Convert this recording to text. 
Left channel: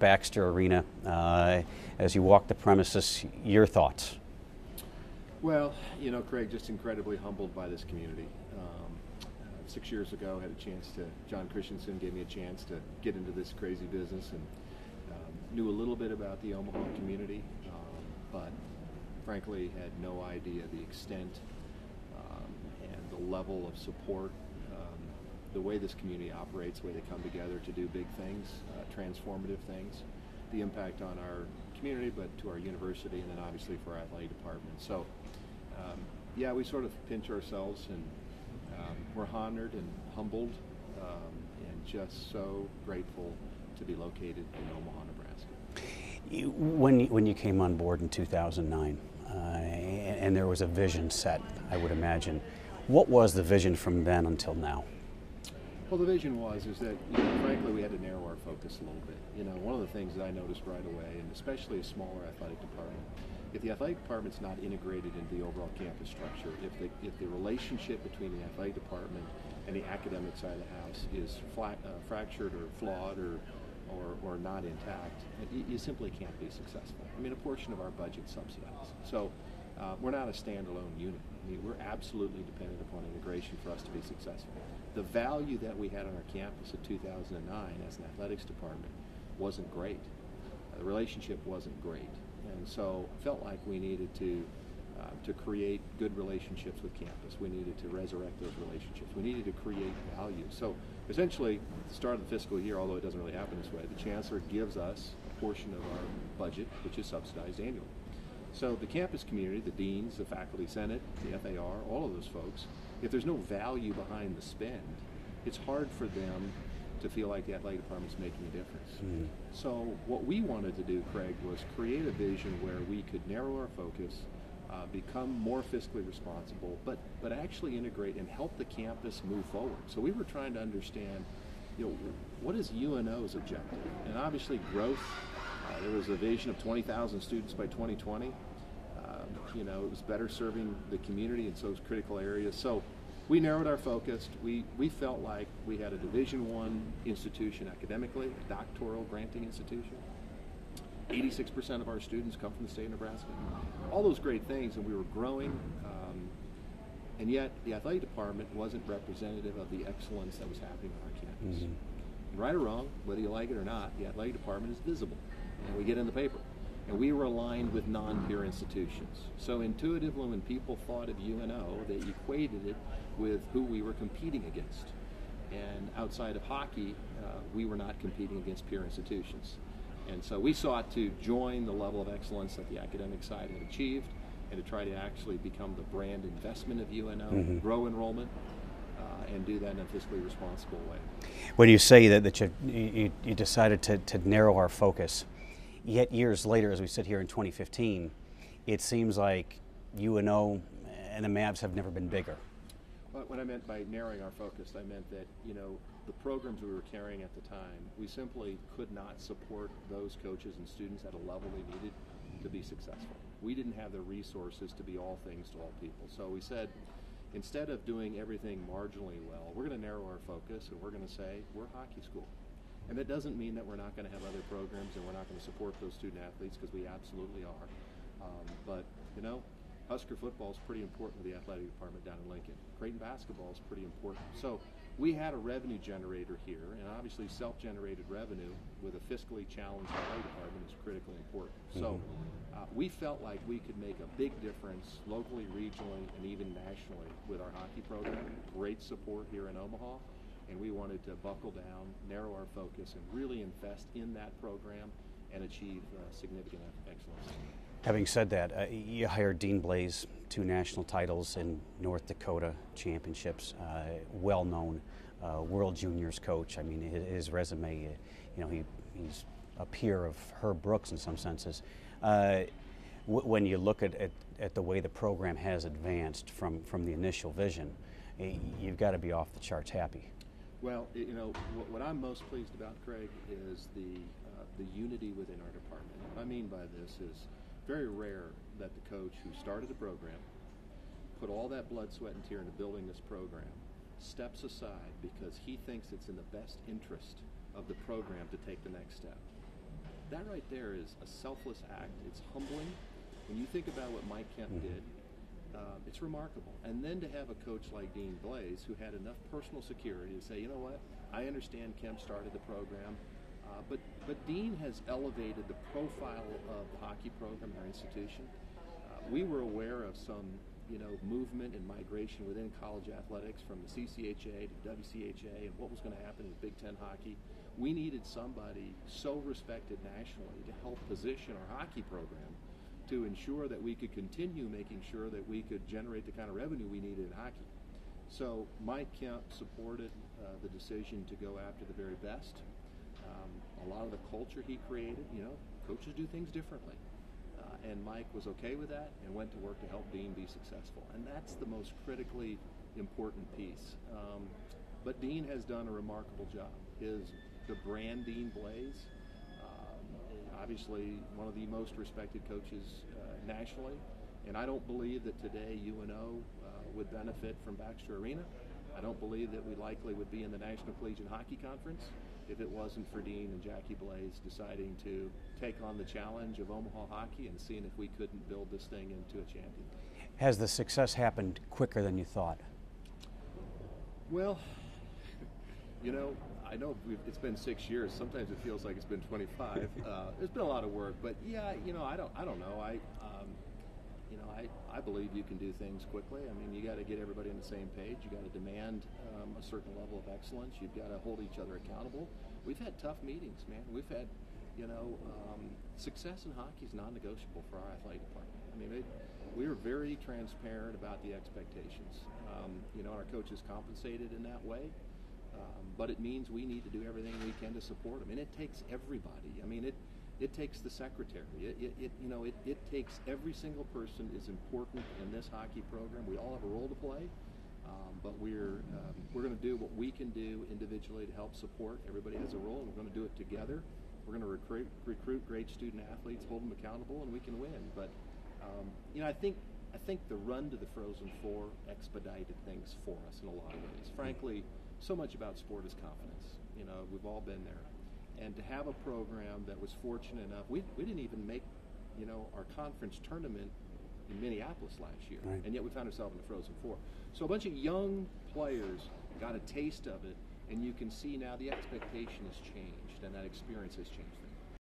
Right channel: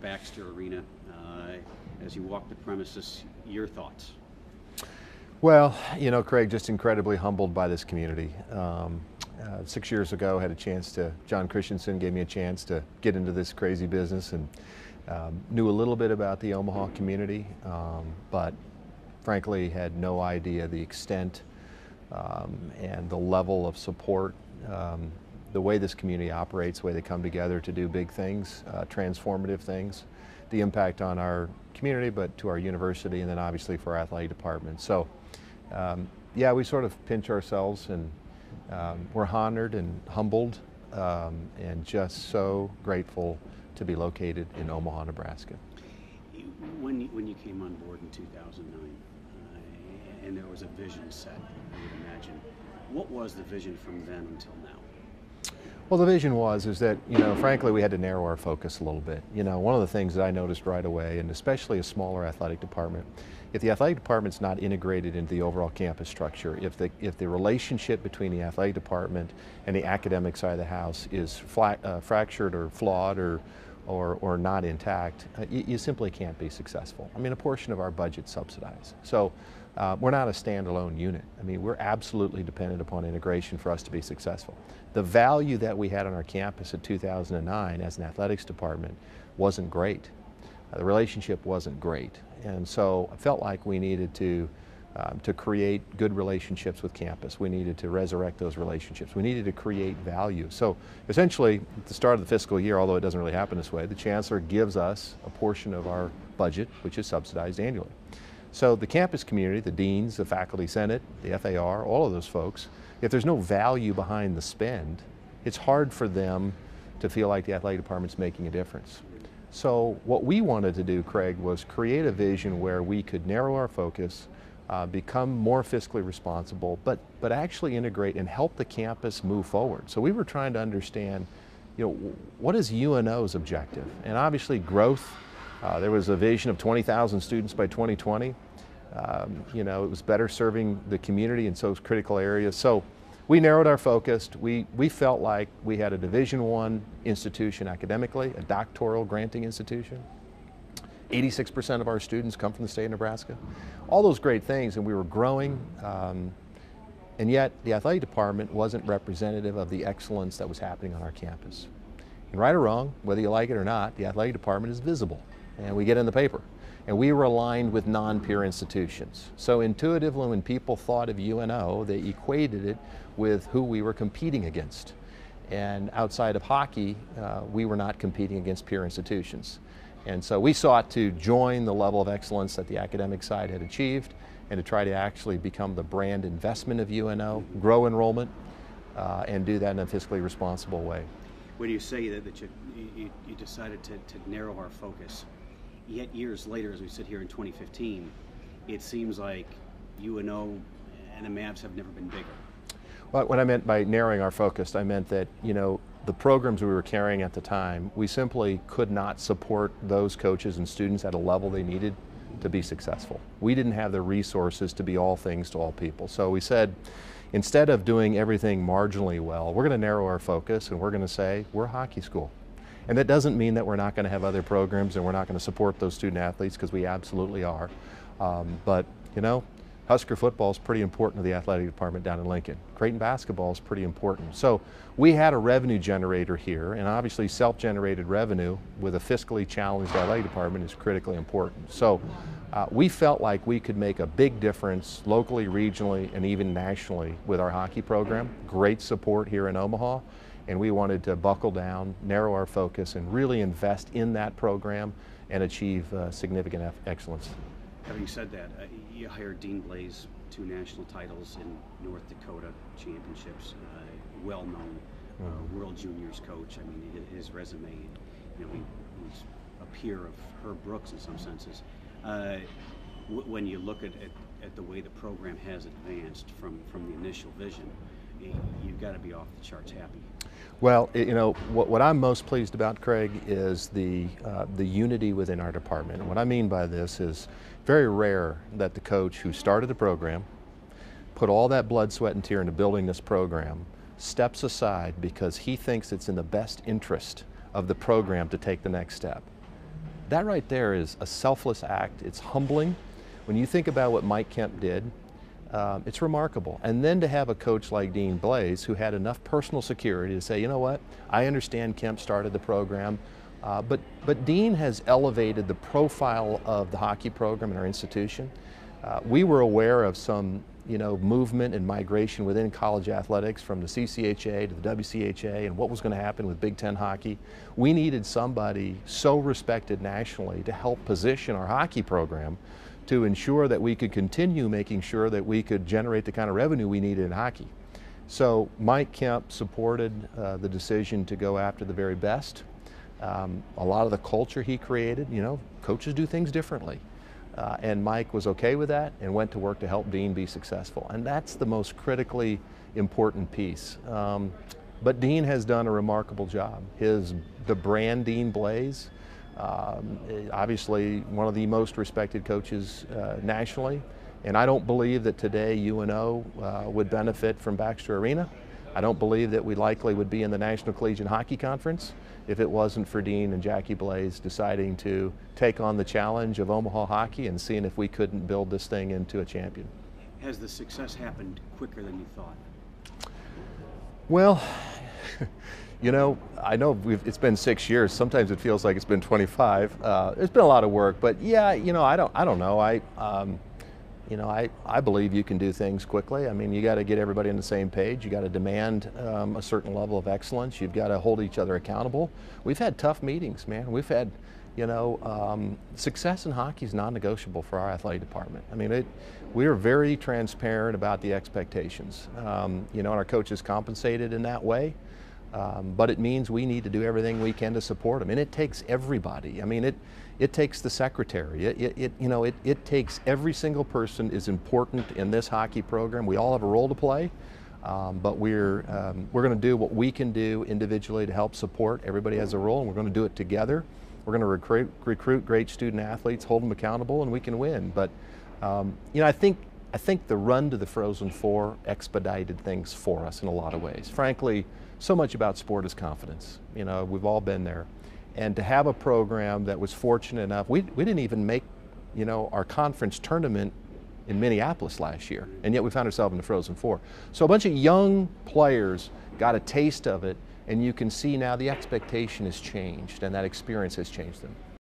Baxter Arena. As you walk the premises, your thoughts? Well, you know, Craig, just incredibly humbled by this community. 6 years ago, had a chance to, John Christensen gave me a chance to get into this crazy business, and knew a little bit about the Omaha community, but frankly had no idea the extent and the level of support, the way this community operates, the way they come together to do big things, transformative things, the impact on our community, but to our university, and then obviously for our athletic department. So yeah, we sort of pinch ourselves, and we're honored and humbled, and just so grateful to be located in Omaha, Nebraska. When you came on board in 2009, and there was a vision set, I would imagine, what was the vision from then until now? Well, the vision is that, you know, frankly, we had to narrow our focus a little bit. You know, one of the things that I noticed right away, and especially a smaller athletic department, if the athletic department's not integrated into the overall campus structure, if the relationship between the athletic department and the academic side of the house is fractured or flawed or not intact, you simply can't be successful. I mean, a portion of our budget's subsidized. So we're not a standalone unit. I mean, we're absolutely dependent upon integration for us to be successful. The value that we had on our campus in 2009 as an athletics department wasn't great. The relationship wasn't great. And so I felt like we needed to create good relationships with campus. We needed to resurrect those relationships. We needed to create value. So essentially, at the start of the fiscal year, although it doesn't really happen this way, the Chancellor gives us a portion of our budget, which is subsidized annually. So the campus community, the deans, the faculty senate, the FAR, all of those folks, if there's no value behind the spend, it's hard for them to feel like the athletic department's making a difference. So what we wanted to do, Craig, was create a vision where we could narrow our focus, become more fiscally responsible, but actually integrate and help the campus move forward. So we were trying to understand, you know, what is UNO's objective? And obviously growth. There was a vision of 20,000 students by 2020. You know, it was better serving the community in those critical areas. So we narrowed our focus. We felt like we had a Division I institution academically, a doctoral granting institution. 86% of our students come from the state of Nebraska. All those great things, and we were growing, and yet the athletic department wasn't representative of the excellence that was happening on our campus. And right or wrong, whether you like it or not, the athletic department is visible, and we get in the paper. And we were aligned with non-peer institutions. So intuitively, when people thought of UNO, they equated it with who we were competing against. And outside of hockey, we were not competing against peer institutions. And so we sought to join the level of excellence that the academic side had achieved, and to try to actually become the brand investment of UNO, grow enrollment, and do that in a fiscally responsible way. When you say that you decided to narrow our focus, yet years later, as we sit here in 2015, it seems like UNO and the Mavs have never been bigger. Well, what I meant by narrowing our focus, I meant that, you know, the programs we were carrying at the time, we simply could not support those coaches and students at a level they needed to be successful. We didn't have the resources to be all things to all people. So we said, instead of doing everything marginally well, we're going to narrow our focus, and we're going to say, we're a hockey school. And that doesn't mean that we're not going to have other programs and we're not going to support those student athletes, because we absolutely are. But, you know, Husker football is pretty important to the athletic department down in Lincoln. Creighton basketball is pretty important. So we had a revenue generator here, and obviously self-generated revenue with a fiscally challenged athletic department is critically important. So we felt like we could make a big difference locally, regionally, and even nationally with our hockey program. Great support here in Omaha. And we wanted to buckle down, narrow our focus, and really invest in that program and achieve significant excellence. Having said that, you hired Dean Blaze, 2 national titles in North Dakota championships, well-known World Juniors coach. I mean, his resume, you know, he's a peer of Herb Brooks in some senses. When you look at the way the program has advanced from the initial vision, you've got to be off the charts happy. Well, you know, what I'm most pleased about, Craig, is the unity within our department. And what I mean by this is very rare that the coach who started the program, put all that blood, sweat, and tear into building this program, steps aside because he thinks it's in the best interest of the program to take the next step. That right there is a selfless act. It's humbling. When you think about what Mike Kemp did, it's remarkable. And then to have a coach like Dean Blaze who had enough personal security to say, you know what, I understand Kemp started the program, but Dean has elevated the profile of the hockey program in our institution. We were aware of some movement and migration within college athletics from the CCHA to the WCHA and what was going to happen with Big Ten hockey. We needed somebody so respected nationally to help position our hockey program to ensure that we could continue making sure that we could generate the kind of revenue we needed in hockey. So Mike Kemp supported the decision to go after the very best. A lot of the culture he created, coaches do things differently. And Mike was okay with that and went to work to help Dean be successful. And that's the most critically important piece. But Dean has done a remarkable job. The brand Dean Blaze, obviously one of the most respected coaches nationally. And I don't believe that today UNO would benefit from Baxter Arena. I don't believe that we likely would be in the National Collegiate Hockey Conference if it wasn't for Dean and Jackie Blaze deciding to take on the challenge of Omaha hockey and seeing if we couldn't build this thing into a champion. Has the success happened quicker than you thought? Well, I know it's been 6 years. Sometimes it feels like it's been 25. It's been a lot of work, but yeah, I don't know. I believe you can do things quickly. I mean, you got to get everybody on the same page. You got to demand a certain level of excellence. You've got to hold each other accountable. We've had tough meetings, man. We've had, success in hockey is non-negotiable for our athletic department. I mean, we are very transparent about the expectations. And our coaches compensated in that way. But it means we need to do everything we can to support them, and it takes everybody. I mean, it takes the secretary. It takes every single person is important in this hockey program. We all have a role to play, but we're going to do what we can do individually to help support. Everybody has a role, and we're going to do it together. We're going to recruit great student athletes, hold them accountable, and we can win. But I think the run to the Frozen Four expedited things for us in a lot of ways. Frankly, so much about sport is confidence. We've all been there. And to have a program that was fortunate enough, we didn't even make, our conference tournament in Minneapolis last year, and yet we found ourselves in the Frozen Four. So a bunch of young players got a taste of it, and you can see now the expectation has changed, and that experience has changed them.